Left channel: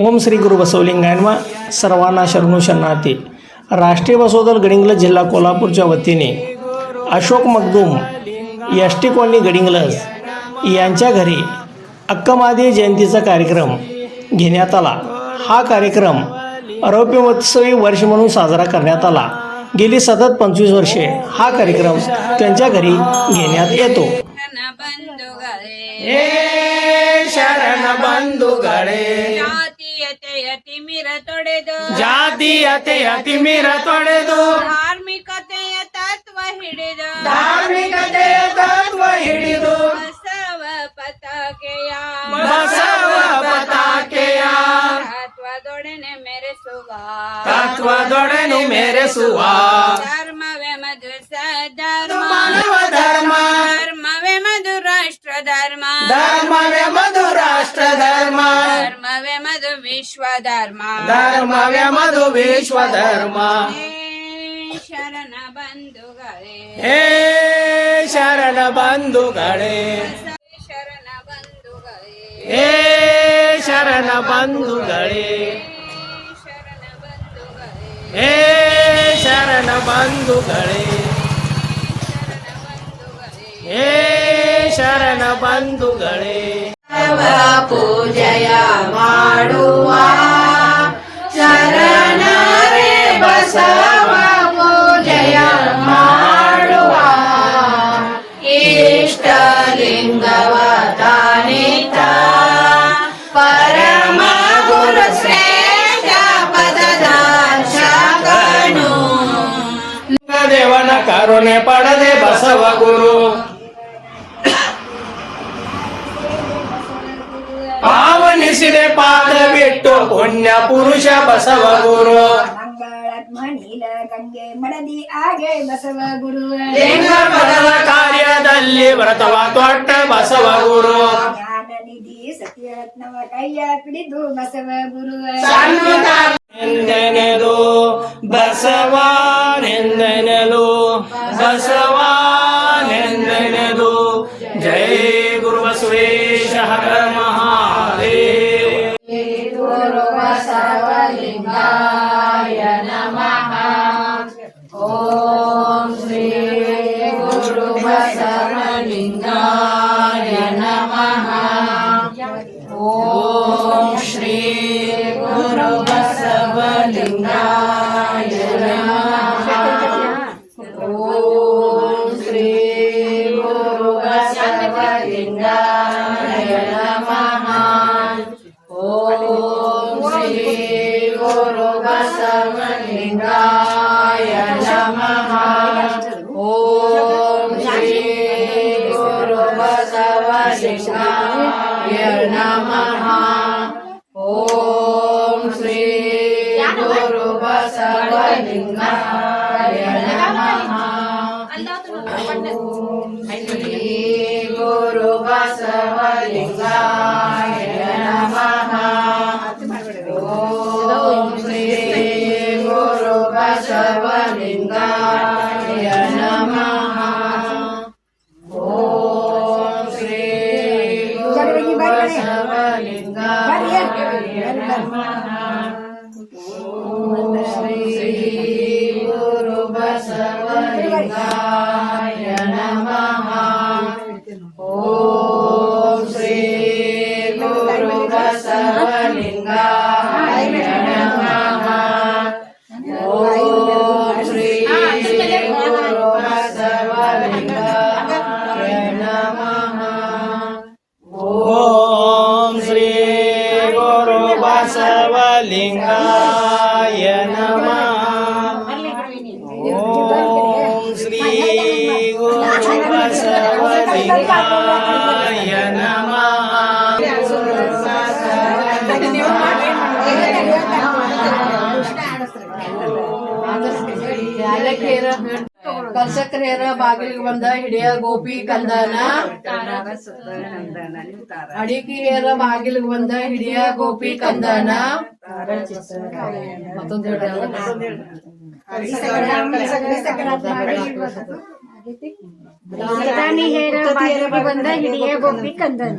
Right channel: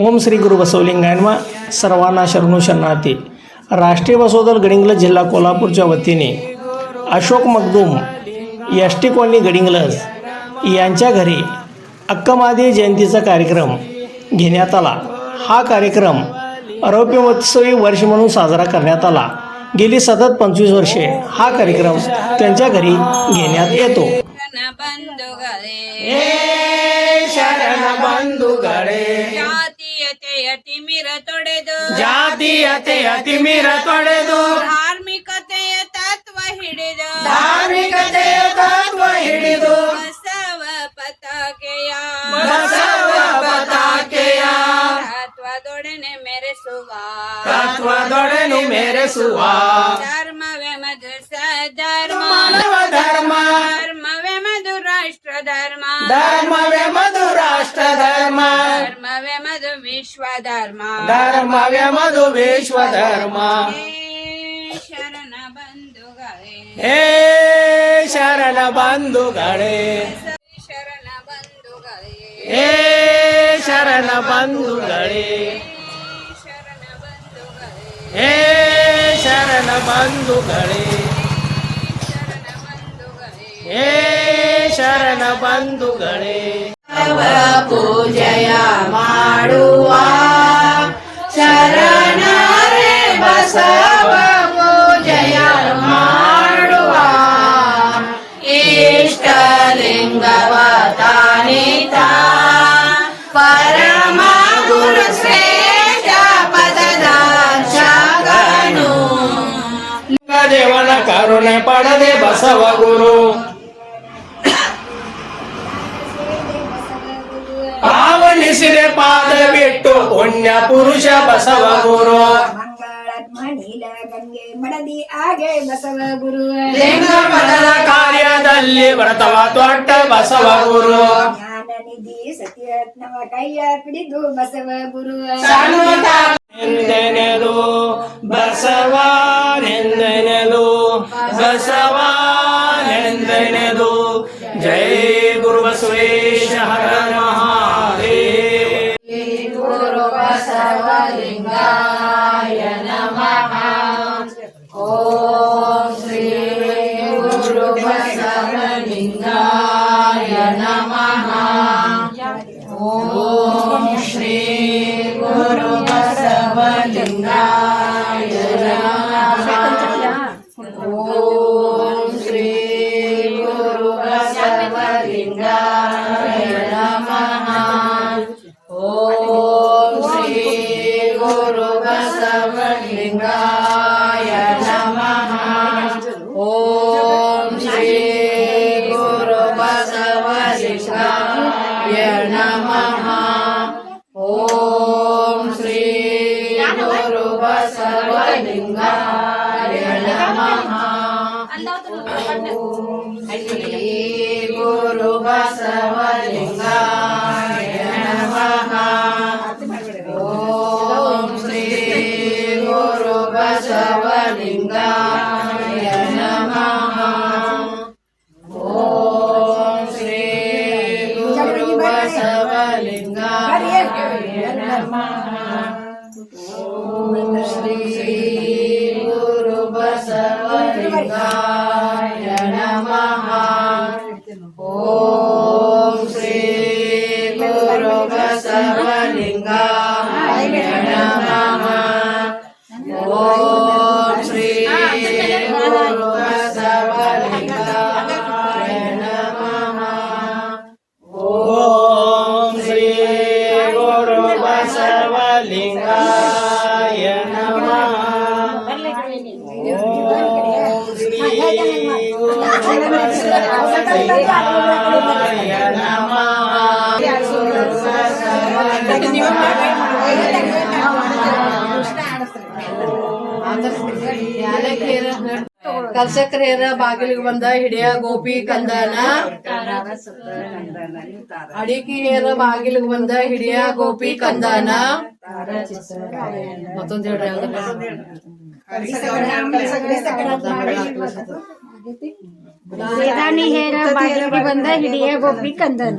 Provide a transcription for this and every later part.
ओम श्री गुरु बसवलिंगायनवा सर्वांना शरणू शरणार्थी. राष्ट्रीय बसवदल गडिंग्लज जिल्हा कोल्हापूरच्या वतीने Ashok Magdum S T colony Gadhinglaj यांच्या घरी अक्कमादी जयंतीचा कार्यक्रम घेण्यात आला. हा कार्यक्रम रौप्यमहोत्सवी वर्ष म्हणून साजरा करण्यात आला. गेली सतत पंचवीस वर्षे हा कार्यक्रम त्यांच्या घरी घेण्यात येतो. ಬಂಧುಗಳೇ. ಅತಿ ಮಿರ ತೊಡೆದು. ತೊಡೆದು. ಧಾರ್ಮಿಕತೆಯ ತತ್ವ ಹಿಡಿದು. ಧಾರ್ಮಿಕತೆಯ ತತ್ವ ಹಿಡಿದು. ಬಸವ ಪತಾಕೆಯ. ಬಸವ ಪತಾಕೆಯ. ತತ್ವದೊಡನೆ ಮೆರೆಸುವ. ತತ್ವದೊಡನೆ ಮೆರೆಸುವ. ಧರ್ಮವೇ ಮಧು ಸಧರ್ಮ ಮಾನವ ಧರ್ಮ. ಧರ್ಮವೇ ಮಧು ರಾಷ್ಟ್ರ ಧರ್ಮ ಧರ್ಮವೇ ಮಧು ವಿಶ್ವ ಧರ್ಮ ಧರ್ಮವೇ ಮಧು ವಿಶ್ವ ಧರ್ಮ ಶರಣ ಬಂಧುಗಳೇ. ಹೇ ಶರಣ ಬಂಧುಗಳೇ. ಶರಣ ಬಂಧುಗಳೇ. ಹೇ ಶರಣ ಬಂಧುಗಳೇ. ಹೇ ಶರಣ ಬಂಧುಗಳೇ. ಹೇ ಶರಣ ಬಂಧುಗಳೇ. ಪೂಜೆಯ ಮಾಡುವ ಶರಣರೇ ಬಸವ ಪೂಜೆಯ ಮಾಡುವ. ಇಷ್ಟಲಿಂಗವ ತಾನಿತ ಪರಮ ಗುರು ಶ್ರೇಷ್ಠ ಪದದರ್ಶಕನು ದೇವನ ಕರುಣೆ ಪಡದೆ ಬಸವ ಗುರು. ಪಾವನಿಸಿದೆ ಪಾದವಿಟ್ಟು ಪುಣ್ಯ ಪುರುಷ ಬಸವ ಗುರು. ಮಣಿಲ ಗಂಗೆ ಮಡದಿ ಆಗೆ ಬಸವ ಗುರು. ಕಾರ್ಯದಲ್ಲಿ ವ್ರತವ ತೊಟ್ಟ ಬಸವ ಗುರು. ಜ್ಞಾನ ನಿಧಿ ಸತ್ಯರತ್ನವ ಕೈಯ ಪಿಡಿದು ಬಸವ ಗುರು. ಎಂದೆನೆದು ಬಸವನೆಂದೆನೆದು ಬಸವನೆಂದೆನೆದು ಜೈ Om Shri नमः ದರ್ಶಕರೇರ ಬಾಗಿಲಿಗೆ ಬಂದ ಹಿಡಿಯ ಗೋಪಿ ಕಂದನ. ಅಡಿಕೆ ಹೇರ ಬಾಗಿಲಿಗೆ ಬಂದ ಹಿಡಿಯ ಗೋಪಿ ಕಂದನ. ಮತ್ತೊಂದ್ ಹೇರ ಬಂದ ಹಿಡಿಯ ಗೋಪಿ ಕಂದನ.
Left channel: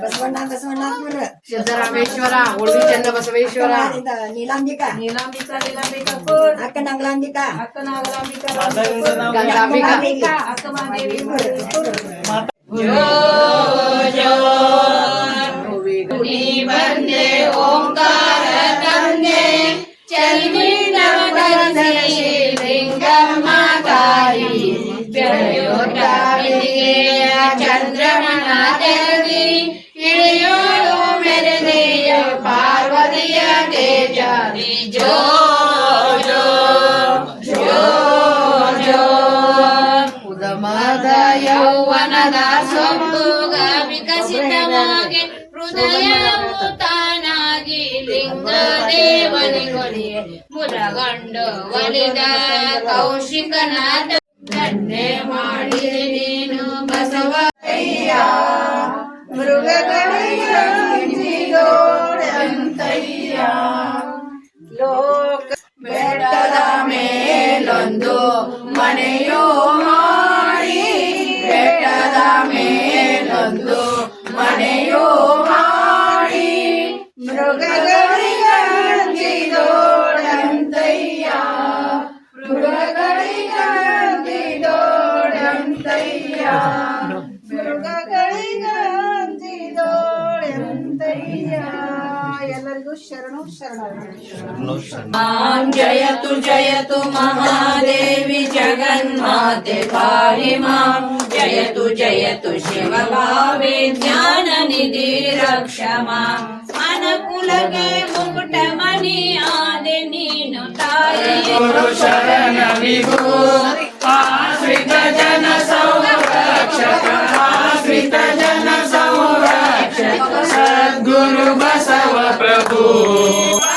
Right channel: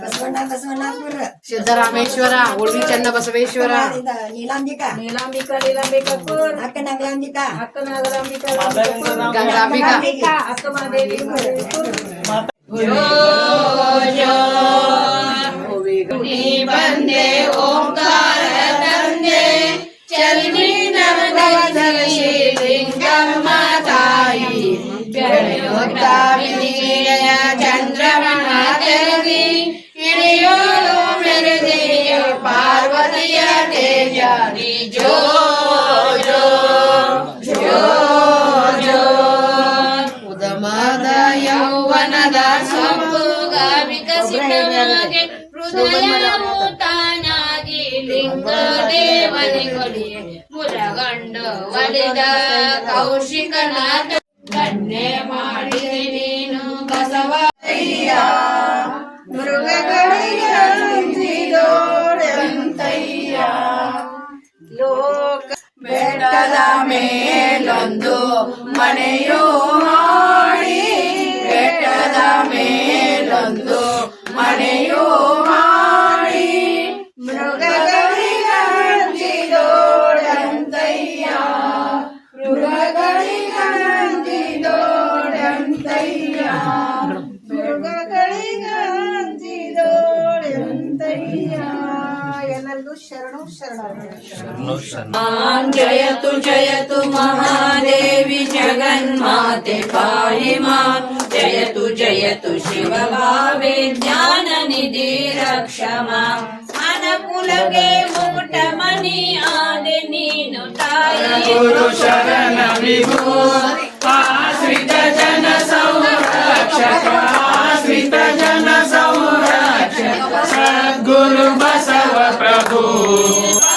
ಬಸವಣ್ಣ ಬಸವಣ್ಣಪುರ ಸಿದ್ದರಾಮೇಶ್ವರ ಉಳ್ಳಿ ಚನ್ನ ಬಸವೇಶ್ವರ ನೀಲಾಂಬಿಕಾ ನೀಲಾಂಬಿಕಾ ನೀಲಾಂಬಿಕಾಪುರ್ ಅಕ್ಕ ನಂಗಲಾಂಬಿಕಾ ಅಕ್ಕ ನಾಗಲಾಂಬಿಕಾ ಮಾತಾವಿಂದ ನಾವು ಗಂಗಾಂಬಿಕಾ ಅಕ್ಕ ಮಾದೇವಿ ಬಂದೆ ಓಂಕಾರ ತಂದೆ ಚಲ್ಮಿ ನವಗಂಧಿ ಲಿಂಗಮ್ಮ ತಾಯಿ ಬೆಳೆಯೋಟ ಬಿದಿಗೆಯ ಚಂದ್ರಮಣ ತೆರದಿ ಇಳಿಯೋಳು ಮೆರೆದೆಯ ಪಾರ್ವತಿಯ ತೇಜ ಜೋ ಒಲಿದ ಕೌಶಿಕನ ದಂಡೆ ಮಾಡಿದೆ ನೀನು ಬಸವಯ್ಯ ಮೃಗಗಳಿಗೆ ಅಂಜಿದೋಡೆಂತಯ್ಯ ಲೋಕ ಬೆಟ್ಟದ ಮೇಲೊಂದು ಮನೆಯೋ ಮಾಡಿ, ಬೆಟ್ಟದ ಮೇಲೊಂದು ಮನೆಯೋ मां जयतु जयतु महादेवी जगन्माते पाहि मां। जयतु जयतु शिवभावे ज्ञाननिधि रक्ष मां। मनकुलगे मुकुटमणि आदि नीनु शरण विभो आश्रित जन संरक्षक आश्रित जन संरक्षक सद्गुरु बसव प्रभु।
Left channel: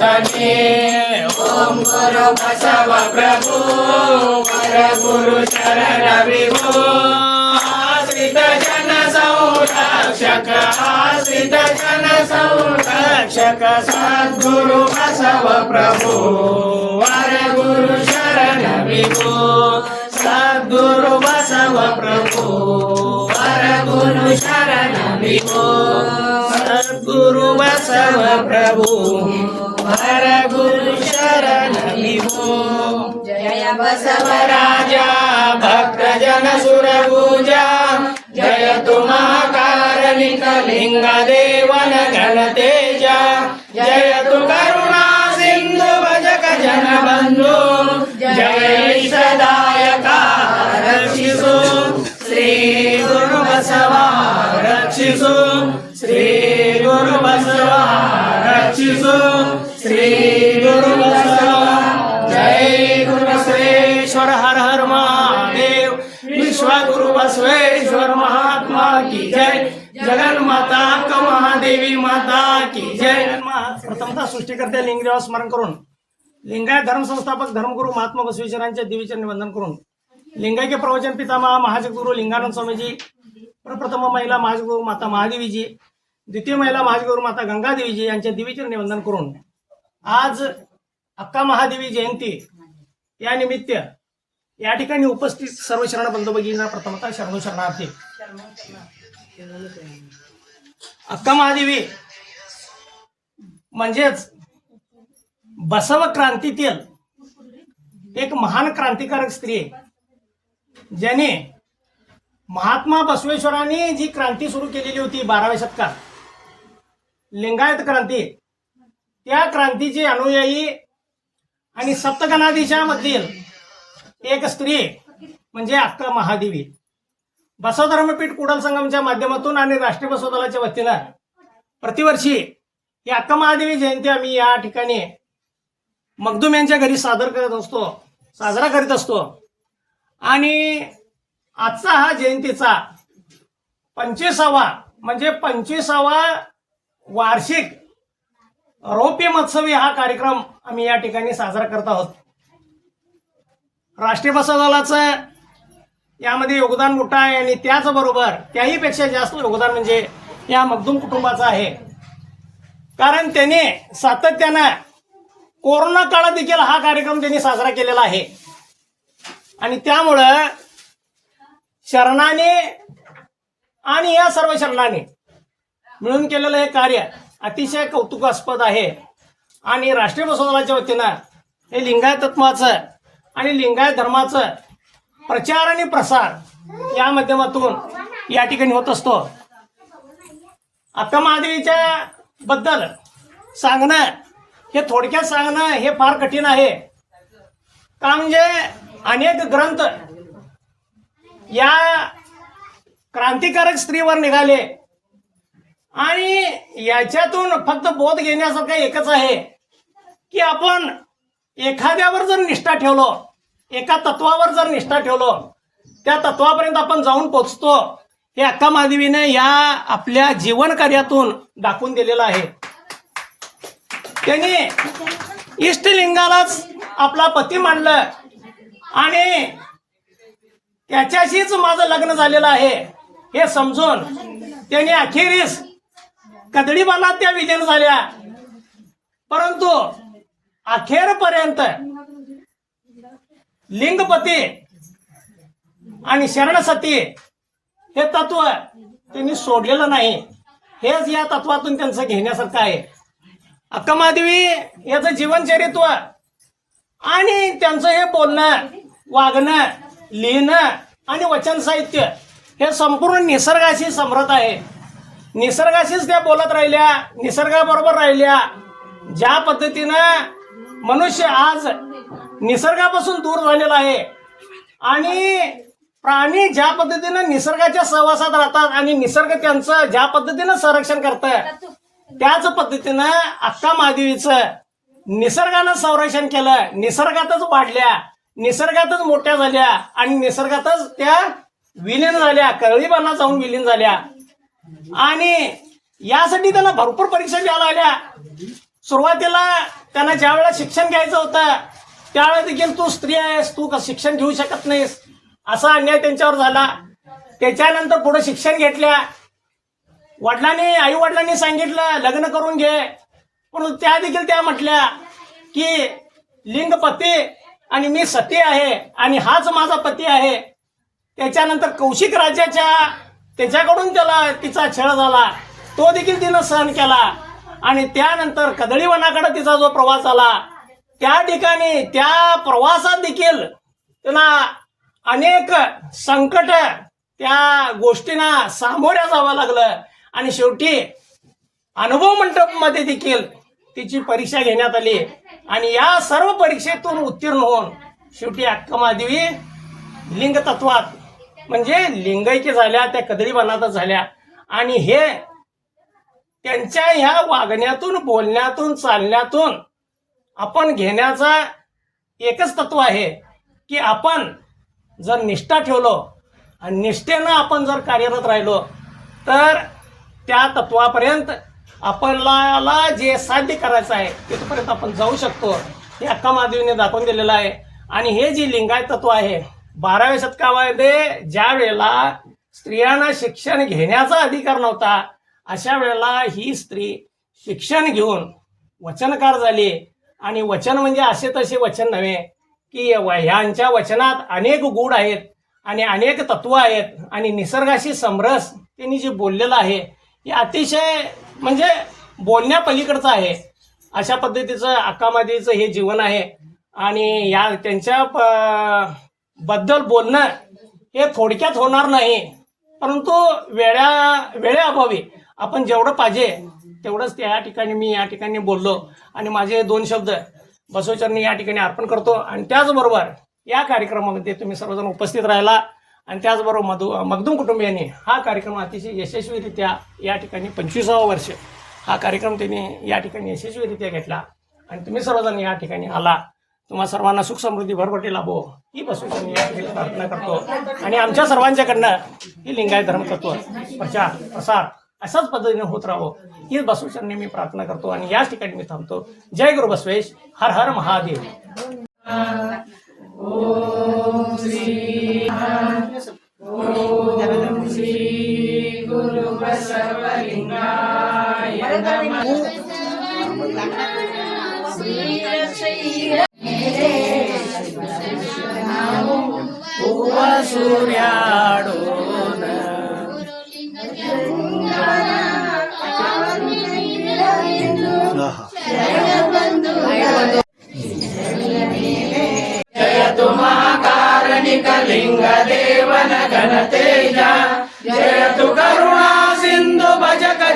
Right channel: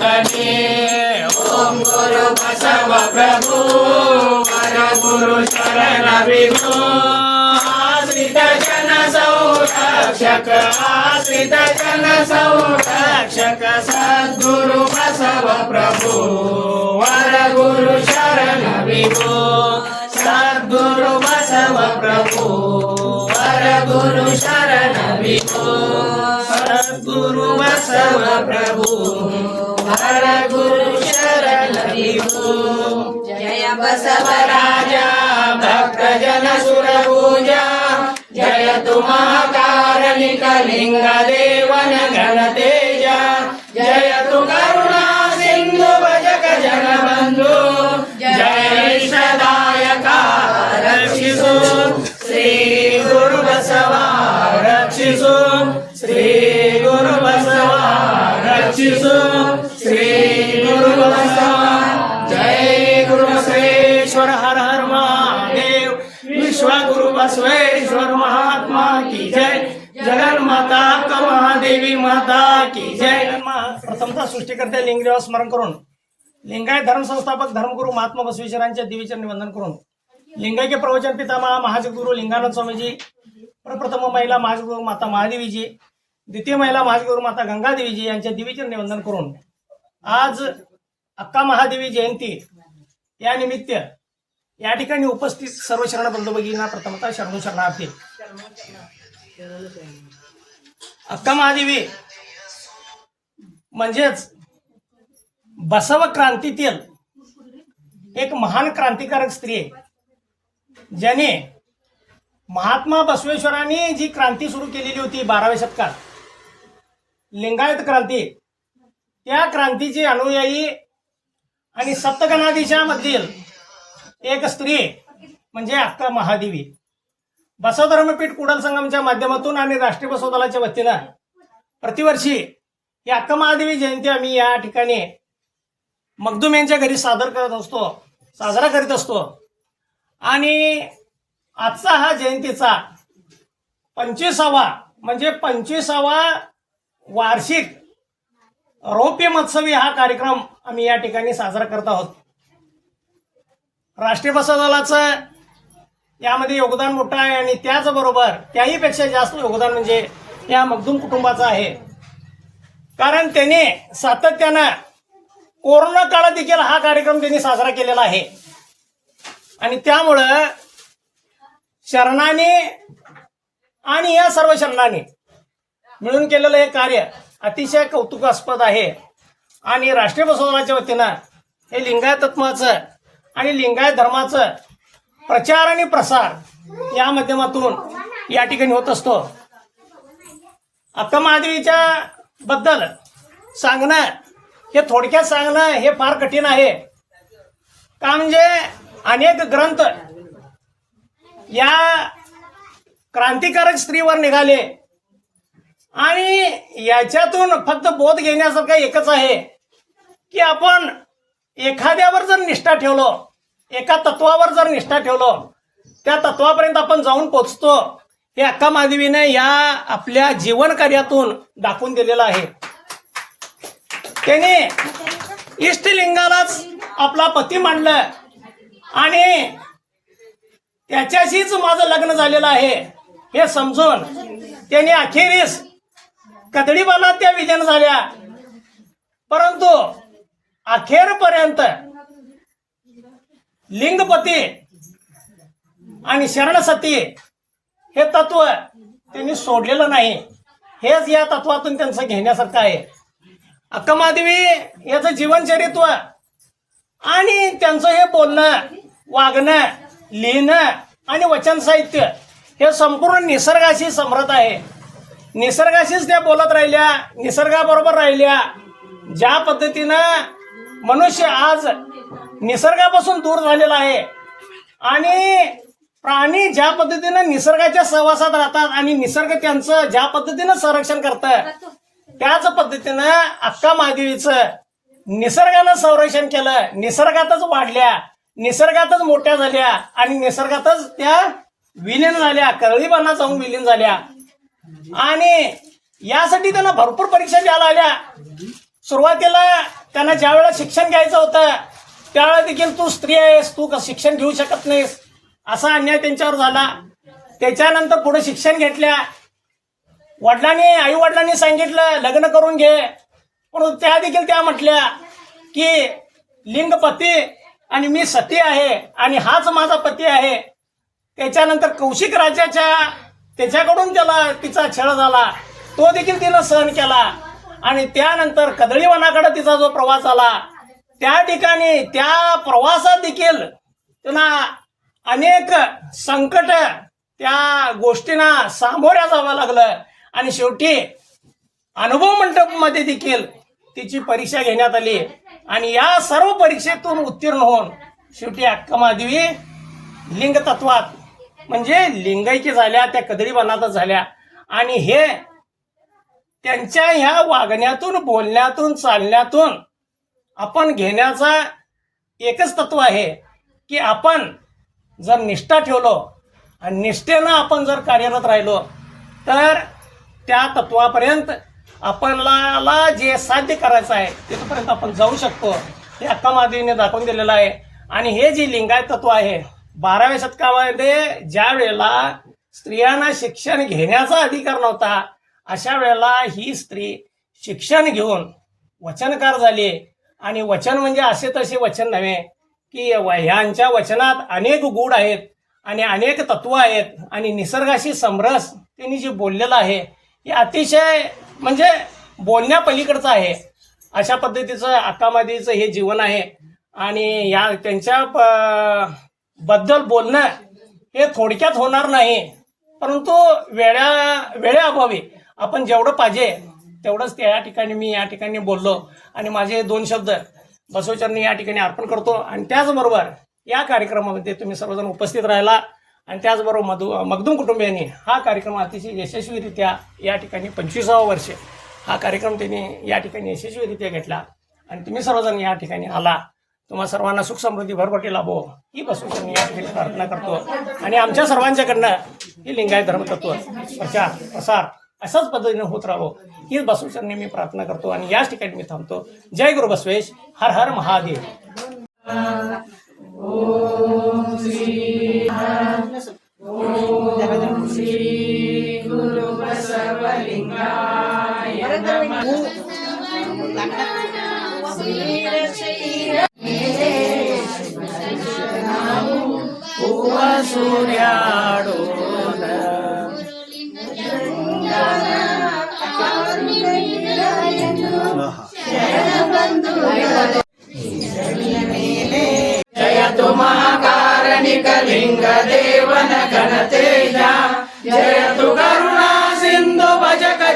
भजे ओम गुरु बसव प्रभु। पर गुरु शरण विभु। आश्रित जन संरक्षक आश्रित जन संरक्षक सद्गुरु बसव प्रभु। वर गुरु शरण विभु। सद्गुरु बसव प्रभु। वर गुरु शरण विभु। सद्गुरु बसव प्रभु। हर गुरु शरण जय बसवराजा भक्तजन सुरभुजा जय तु महाकारणिकलिङ्ग देवन घनतेजा जय तु करुणा सिन्धु भजक जन बंधु। जय सदायका रक्षिषु श्री गुरु बसवा रक्षिषु श्री गुरु बसवा रक्षिषु बसवेश्वर महात्मा की जय। जगन माता महादेवी माता की जय। प्रथमतः सृष्टीकर्ते लिंगदेवा स्मरण करून लिंगायत धर्म संस्थापक धर्मगुरु महात्मा बसवेश्वरांचे देवीचे वंदन करून लिंगायके प्रवचन पितामहा महाजगुरु लिंगानंद स्वामीजी प्रथम महिला महाजगुरु माता महादेवीजी द्वितीय महिला महाजगुरु माता गंगादेवीजी यांच्या देवीचे वंदन करून आज अक्का महादेवी जयंती या निमित्त या ठिकाणी उपस्थित सर्व शरण बंधू प्रथमतः शरणो शरणार्थी. अक्का महादेवी म्हणजेच बसव क्रांतीतील एक महान क्रांतिकारक स्त्री आहे. ज्याने महात्मा बसवेश्वरांनी जी क्रांती सुरू केलेली होती बाराव्या शतकात लिंगायत क्रांती त्या क्रांतीचे अनुयायी आणि सप्तगणाधीशामधील एक स्त्री म्हणजे अक्का महादेवी. बसव धर्मपीठ कुडल संगमच्या माध्यमातून आणि राष्ट्रीय बसव दलाच्या वतीनं प्रतिवर्षी ही अक्का महादेवी जयंती आम्ही या ठिकाणी मगदूम यांच्या घरी सादर करत असतो साजरा करीत असतो. आणि आजचा हा जयंतीचा पंचवीसावा म्हणजे पंचवीसावा वार्षिक रौप्य महोत्सवी हा कार्यक्रम आम्ही या ठिकाणी साजरा करत आहोत. राष्ट्रीय बसा दलाचं यामध्ये योगदान मोठं आहे आणि त्याचबरोबर त्याहीपेक्षा जास्त योगदान म्हणजे या मगदूम कुटुंबाचं आहे. कारण त्याने सातत्यानं कोरोना काळात देखील हा कार्यक्रम त्यांनी साजरा केलेला आहे. आणि त्यामुळं शरणाने आणि या सर्व शरणाने मिळून केलेलं हे कार्य अतिशय कौतुकास्पद आहे. आणि राष्ट्रीय बसवदलाच्या वतीनं हे लिंगायतत्वाचं आणि लिंगायत धर्माचं प्रचार आणि प्रसार या माध्यमातून या ठिकाणी होत असतो. अक्का महादेवीच्या बद्दल सांगणं हे थोडक्यात सांगणं हे फार कठीण आहे. का म्हणजे अनेक ग्रंथ या क्रांतिकारक स्त्रीवर निघाले आणि याच्यातून फक्त बोध घेण्यासारखं एकच आहे की आपण एखाद्यावर जर निष्ठा ठेवलो एका तत्वावर जर निष्ठा ठेवलो त्या तत्वापर्यंत आपण जाऊन पोचतो. हे अक्का महादेवीने या आपल्या जीवन कार्यातून दाखवून दिलेलं आहे. त्याने इष्टलिंगालाच आपला पती मांडलं आणि त्याच्याशीच माझं लग्न झालेलं आहे. हे समजून त्याने अखेरीस कदडीबाला त्या विजन झाल्या. परंतु अखेरपर्यंत लिंगपती आणि शरणसती हे तत्व त्यांनी सोडलेलं नाही. हेच या तत्वातून त्यांचं घेण्यासारखं आहे. अक्कमादेवी याचं जीवनचरित्व आणि त्यांचं हे बोलणं वागणं लिहिणं आणि वचन साहित्य हे संपूर्ण निसर्गाशी समृद्ध आहे. निसर्गाशीच त्या बोलत राहिल्या निसर्गाबरोबर राहिल्या. ज्या पद्धतीनं मनुष्य आज निसर्गापासून दूर झालेला आहे. आणि प्राणी ज्या पद्धतीनं निसर्गाच्या सहवासात राहतात आणि निसर्ग त्यांचं ज्या पद्धतीनं संरक्षण करतं त्याच पद्धतीनं अक्का महादेवीचं निसर्गानं संरक्षण केलं. निसर्गातच वाढल्या निसर्गातच मोठ्या झाल्या आणि निसर्गातच त्या विलीन झाल्या कळीबांना जाऊन विलीन झाल्या. आणि यासाठी त्यांना भरपूर परीक्षा द्यायला आल्या. सुरुवातीला त्यांना ज्या वेळेला शिक्षण घ्यायचं होतं त्यावेळेला देखील तू स्त्री आहेस तू शिक्षण घेऊ शकत नाहीस. असा अन्याय त्यांच्यावर झाला. त्याच्यानंतर पुढे शिक्षण घेतल्या. वडिलांनी आई वडिलांनी सांगितलं लग्न करून घे. पण त्या देखील त्या म्हटल्या की लिंग पती आणि मी सती आहे आणि हाच माझा पती आहे. त्याच्यानंतर कौशिक राजाच्या त्याच्याकडून त्याला तिचा छळ झाला. तो देखील तिनं सहन केला. आणि त्यानंतर कदळीवनाकडे तिचा जो प्रवास आला त्या ठिकाणी त्या प्रवासात देखील त्यांना अनेक संकट त्या गोष्टींना सामोऱ्या जावं लागलं. आणि शेवटी अनुभव मंडपमध्ये देखील तिची परीक्षा घेण्यात आली. आणि या सर्व परीक्षेतून उत्तीर्ण होऊन शेवटी अक्कमादेवी लिंग तत्वात म्हणजे लिंगाईची झाल्या त्या कदळीवनातच झाल्या. आणि हे त्यांच्या ह्या वागण्यातून बोलण्यातून चालण्यातून आपण घेण्याचा एकच तत्व आहे की आपण जर निष्ठा ठेवलो आणि निष्ठेनं आपण जर कार्यरत राहिलो तर त्या तत्वापर्यंत आपणाला जे साध्य करायचं आहे तिथपर्यंत आपण जाऊ शकतो. हे अक्का महादेवीने दाखवून दिलेलं आहे. आणि हे जे लिंगायत तत्व आहे बाराव्या शतकामध्ये ज्या वेळेला स्त्रियांना शिक्षण घेण्याचा अधिकार नव्हता अशा वेळेला ही स्त्री शिक्षण घेऊन वचनकार झाली. आणि वचन म्हणजे असे तसे वचन नव्हे की व- ह्यांच्या वचनात अनेक गुढ आहेत आणि अनेक तत्व आहेत आणि निसर्गाशी समरस त्यांनी जे बोललेलं आहे हे अतिशय म्हणजे बोलण्यापलीकडचं आहे. अशा पद्धतीचं अक्कामादीचं हे जीवन आहे. आणि या त्यांच्या प- बद्दल बोलणं हे थोडक्यात होणार नाही. परंतु वेळा वेळेअभावी आपण जेवढं पाहिजे तेवढंच त्या ठिकाणी मी या ठिकाणी बोललो. आणि माझे दोन शब्द बसवचरणी या ठिकाणी अर्पण करतो. आणि त्याचबरोबर या कार्यक्रमामध्ये तुम्ही सर्वजण उपस्थित राहिला. आणि त्याचबरोबर मधु मगदूम कुटुंबियांनी हा कार्यक्रम अतिशय यशस्वीरित्या या ठिकाणी पंचवीसावं वर्ष हा कार्यक्रम त्यांनी या ठिकाणी यशस्वीरित्या घेतला. आणि तुम्ही सर्वजण या ठिकाणी आला. तुम्हा सर्वांना सुख समृद्धी भरभटी लाभो. ही बसवेश्वरनी या ठिकाणी प्रार्थना करतो. आणि आमच्या सर्वांच्याकडनं ही लिंगायत धर्मतत्व प्रचार प्रसार अशाच पद्धतीने होत राहावं ही बसवेश्वरनी मी प्रार्थना करतो आणि याच ठिकाणी मी थांबतो. जय गुरु बसवेश. हर हर महादेव. सूर्या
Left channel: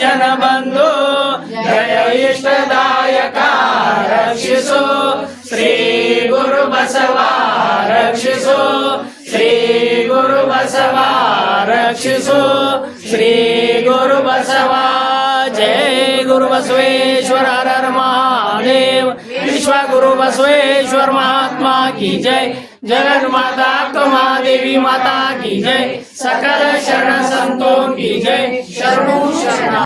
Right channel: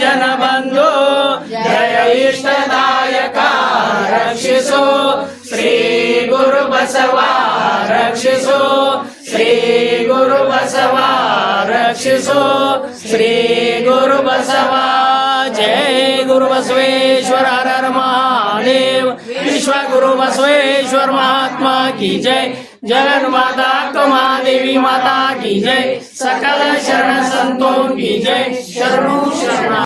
जनबन्धु। जय इष्टदायका रक्षिसो। श्री गुरु बसवा रक्षिसो। श्री गुरु बसवा श्री गुरु बसवा। जय गुरु बसवेश्वर हर हर महादेव विश्वगुरु बसवेश्वर महात्मा की जय। जगन माता कमादेवी माता की जय। सकल शरण संतों की जय। शरणु शरणा।